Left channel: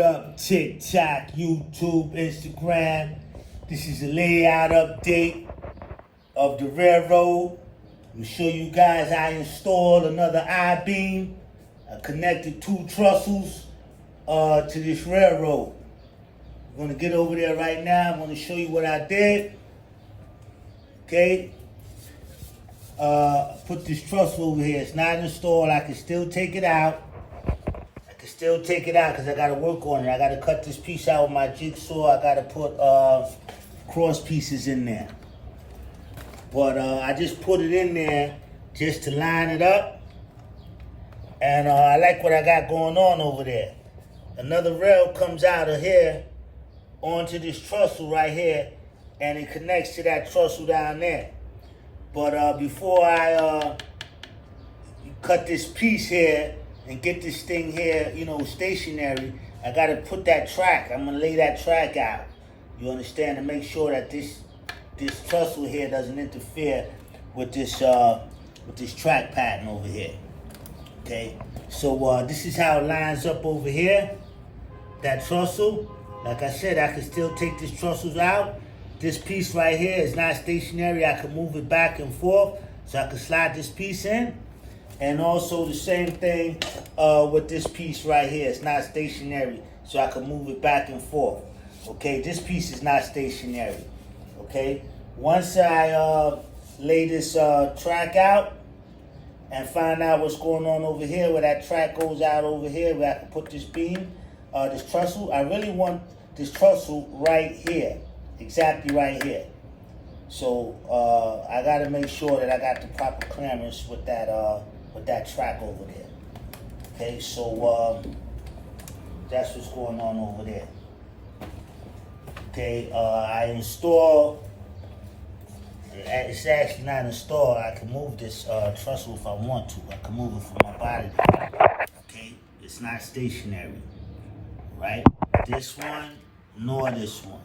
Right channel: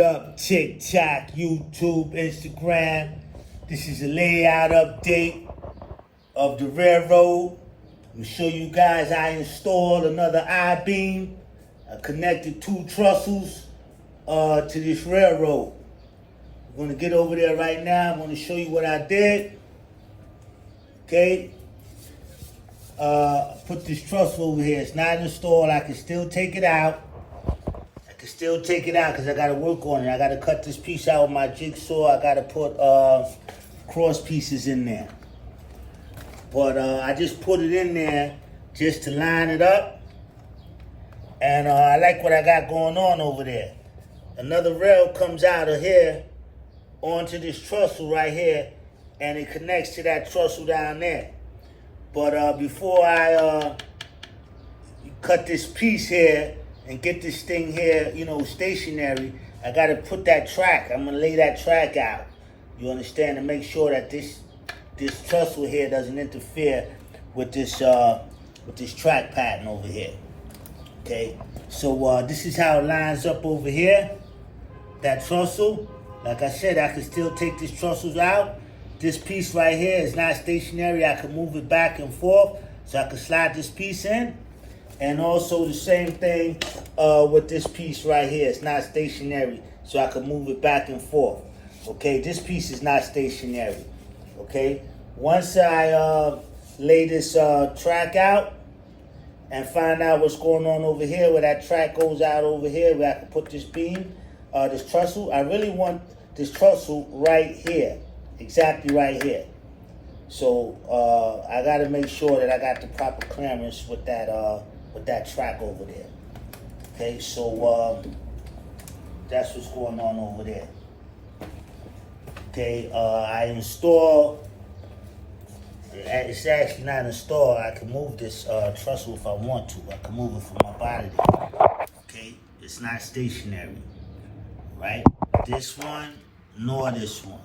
Up TikTok, YouTube, Instagram. This is a layout update of the railroad. I'm show you guys I installed another I-beam. I connected 2 trestles to this railroad. I'm gonna get over there right now. I'm gonna show you what I did. Okay. Put this trestle over here. It's not installed. I can still take it out. Because I gotta work on it. I gotta cut this piece out with my jigsaw. I gotta put cross pieces in there. But I just put it in there just to line it up. And I like what I got going on over there. Another rail comes out of here onto this trestle right here, and it connects to that trestle down there. But before I cut this piece here and get this thing here, stationary, I gotta put that track. I'm gonna lay that track out. You understand? To make sure that this trestle here doesn't interfere with this track pattern over here. Okay. So this is how it lines up over here. That trestle. Like I said, I can still take these trestles out. This piece right here is not stationary. I can move it back and forth, so I can slide this piece in. And also the same thing with this piece right here. It's not stationary, so I can move it back and forth. Okay, this piece is not stationary. Okay, once I lay this track out and find out what's going on over here, where that track goes out over here, where I can put this beam, this trestle. I really want this trestle right here, exactly right here. So I got to make sure that I got the proper clearance with that track over there. Okay, so that's what's going on over there. Okay, I install. It's actually not installed. I can move this trestle if I want to. I can move it from my body there. Okay, it's not stationary, right? This one nor this one.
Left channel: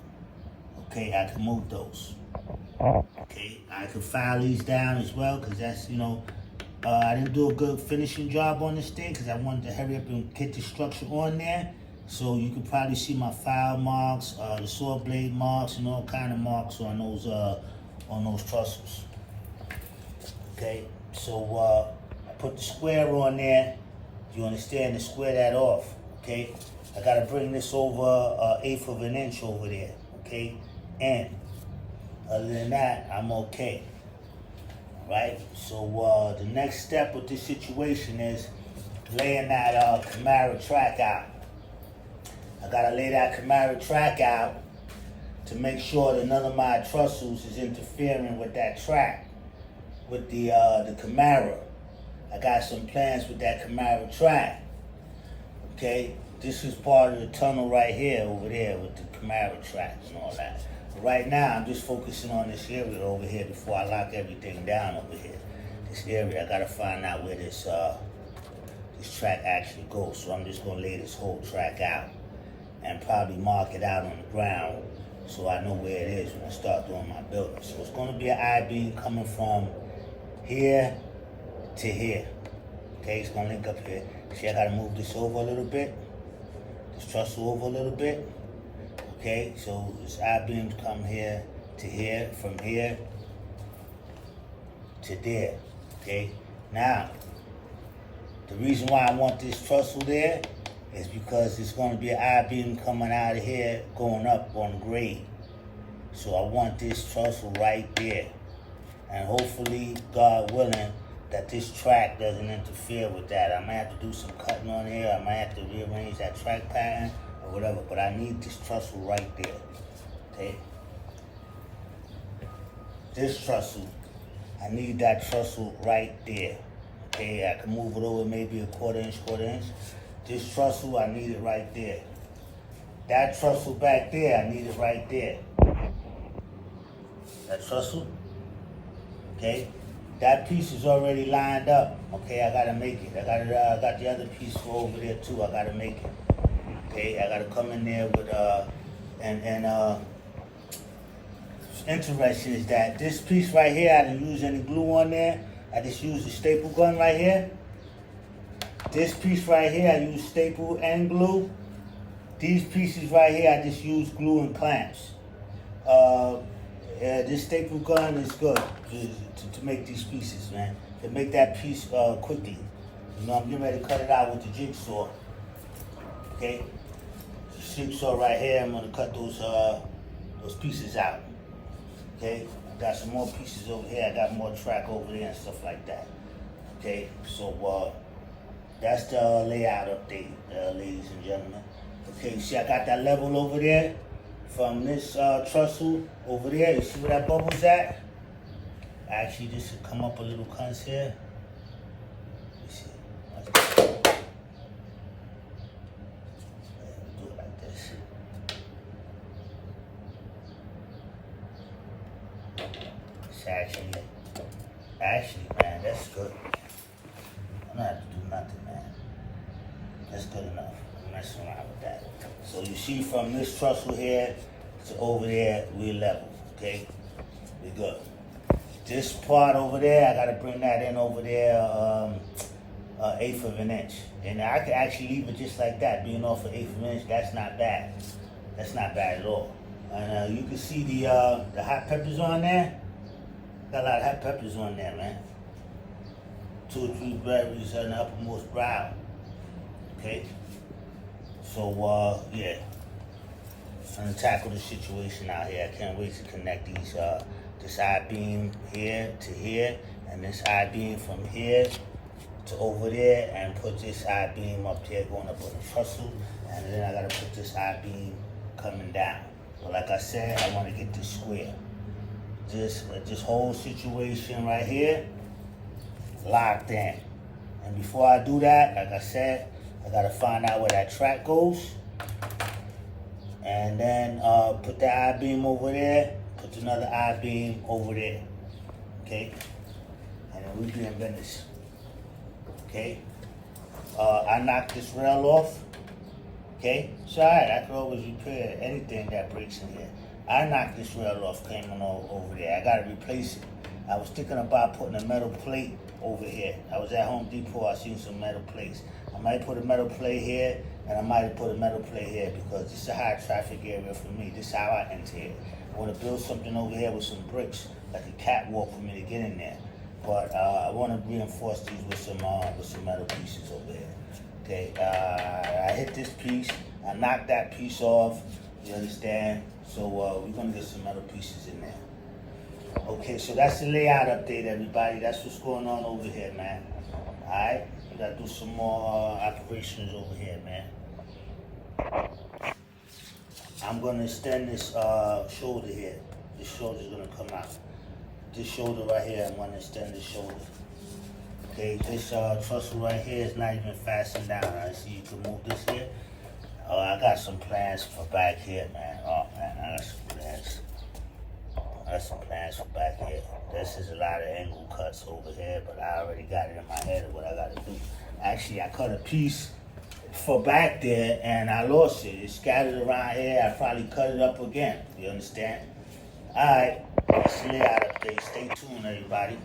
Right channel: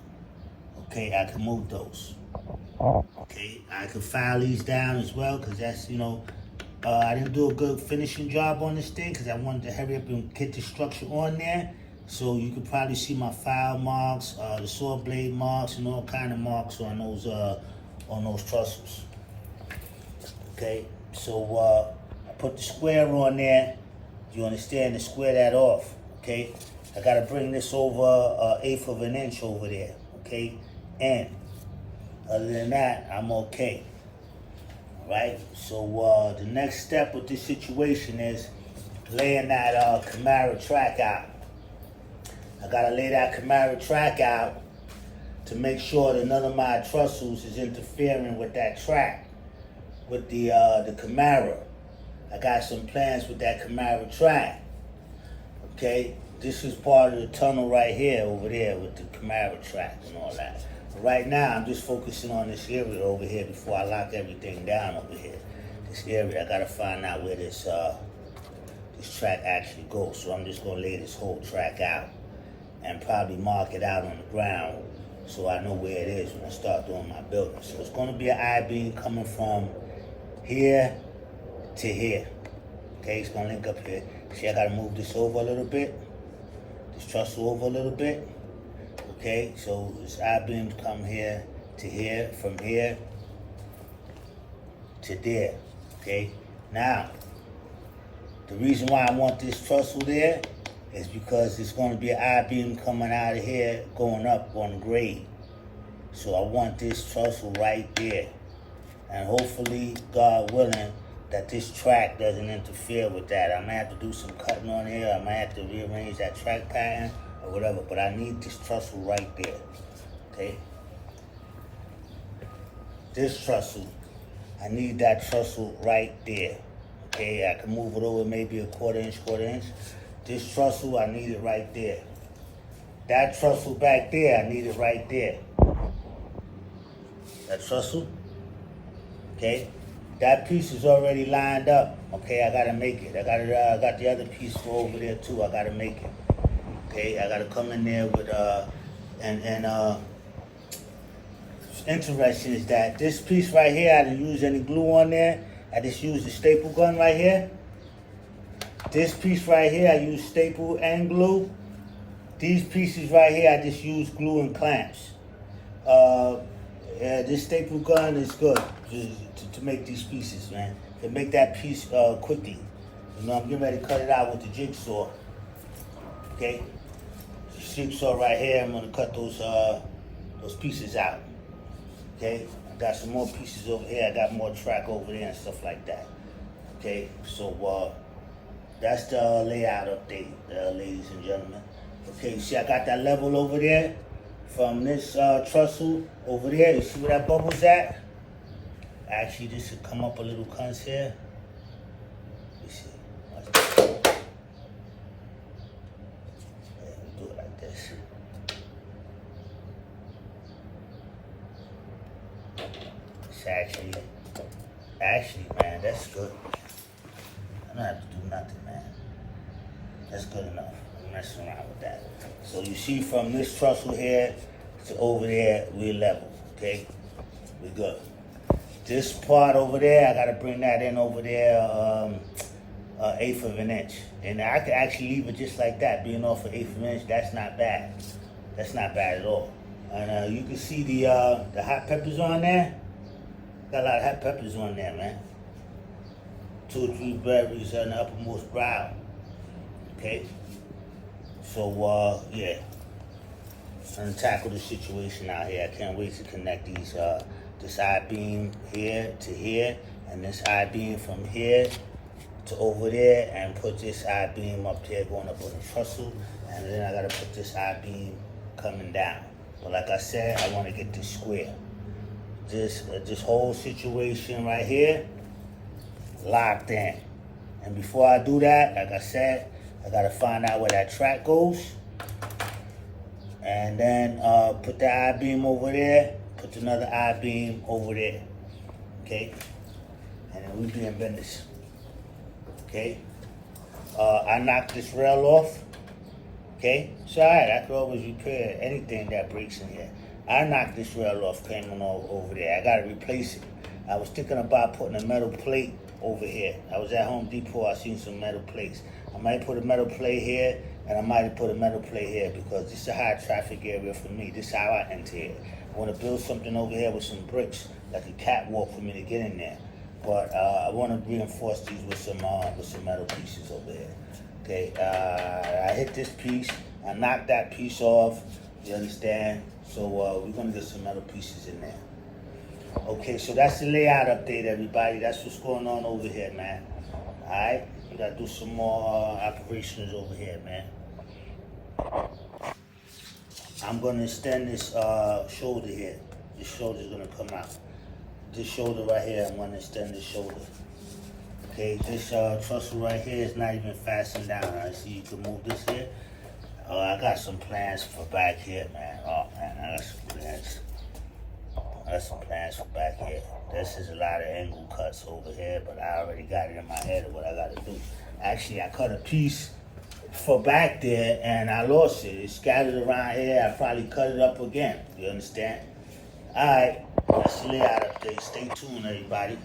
Okay, I can move those. Okay, I can file these down as well, because that's, I didn't do a good finishing job on this thing because I wanted to hurry up and get the structure on there. So you can probably see my file marks, the saw blade marks, and all kind of marks on those trestles. Okay, so I put the square on there. You understand? To square that off. Okay, I gotta bring this over 1/8 of an inch over there. Okay, and other than that, I'm okay. Right? So the next step with this situation is laying that Camaro track out. I gotta lay that Camaro track out to make sure that none of my trestles is interfering with that track, with the Camaro. I got some plans with that Camaro track. Okay? This is part of the tunnel right here, over there, with the Camaro track and all that. Right now, I'm just focusing on this area over here before I lock everything down over here. This area, I gotta find out where this track actually goes. So I'm just gonna lay this whole track out and probably mark it out on the ground so I know where it is when I start doing my building. So it's gonna be an I-beam coming from here to here. Okay, it's gonna link up here. See, I gotta move this over a little bit, this trestle over a little bit. Okay, so this I-beam come here to here, from here to there. Okay, now the reason why I want this trestle there is because it's going to be an I-beam coming out of here, going up on grade. So I want this trestle right there, and hopefully, God willing, that this track doesn't interfere with that. I might have to do some cutting on here. I might have to rearrange that track pattern or whatever, but I need this trestle right there. Okay? This trestle, I need that trestle right there. Okay, I can move it over maybe a quarter inch. This trestle, I need it right there. That trestle back there, I need it right there. That trestle, okay? That piece is already lined up. Okay, I gotta make it. I got the other piece over there too. I gotta make it. Okay, I gotta come in there with what's interesting is that this piece right here, I didn't use any glue on there. I just used the staple gun right here. This piece right here, I used staple and glue. These pieces right here, I just use glue and clamps. This staple gun is good to make these pieces, man. To make that piece quickly. You know, I'm getting ready to cut it out with the jigsaw. Okay? Jigsaw right here, I'm gonna cut those pieces out. Okay? I got some more pieces over here, I got more track over there and stuff like that. Okay, so that's the layout update, ladies and gentlemen. Okay, see I got that level over there from this trestle over there. You see where that bubble's at? Actually, this should come up a little cunts here. Let me see. Do it like this. It's actually, man, that's good. I don't have to do nothing, man. That's good enough. I'm messing around with that. So you see from this trestle here to over there, we're level, okay? We're good. This part over there, I gotta bring that in over there, 1/8 of an inch. And I could actually leave it just like that, being off an 1/8 of an inch. That's not bad. That's not bad at all. And you can see the hot peppers on there. Got a lot of hot peppers on there, man. 2 or 3 berries on the uppermost brow. Okay? So, yeah. I'm gonna tackle the situation out here. I can't wait to connect these, this I-beam here to here, and this I-beam from here to over there, and put this I-beam up here going up on the trestle, and then I gotta put this I-beam coming down. But like I said, I wanna get this square. This whole situation right here, locked in. And before I do that, like I said, I gotta find out where that track goes. And then put the I-beam over there, put another I-beam over there. Okay? And then we be in business. Okay? I knocked this rail off. Okay? It's alright, I can always repair anything that breaks in here. I knocked this rail off coming over there. I gotta replace it. I was thinking about putting a metal plate over here. I was at Home Depot, I seen some metal plates. I might put a metal plate here, and I might put a metal plate here, because this is a high traffic area for me. This is how I enter it. I want to build something over here with some bricks, like a catwalk for me to get in there. But I want to reinforce these with some metal pieces over here. Okay, I hit this piece, I knocked that piece off, you understand? So we're going to get some metal pieces in there. Okay, so that's the layout update, everybody. That's what's going on over here, man. Alright, we got to do some more operations over here, man. I'm going to extend this shoulder here. This shoulder's going to come out. This shoulder right here, I'm going to extend this shoulder. Okay, this trestle right here is not even fastened down. I see you can move this here. I got some plans for back here, man. Oh, man, I got some plans. I got some plans for back here. This is a lot of angle cuts over here, but I already got it in my head of what I got to do. Actually, I cut a piece for back there, and I lost it. It's scattered around here. I probably cut it up again. You understand? All right, that's the layout update. Stay tuned, everybody.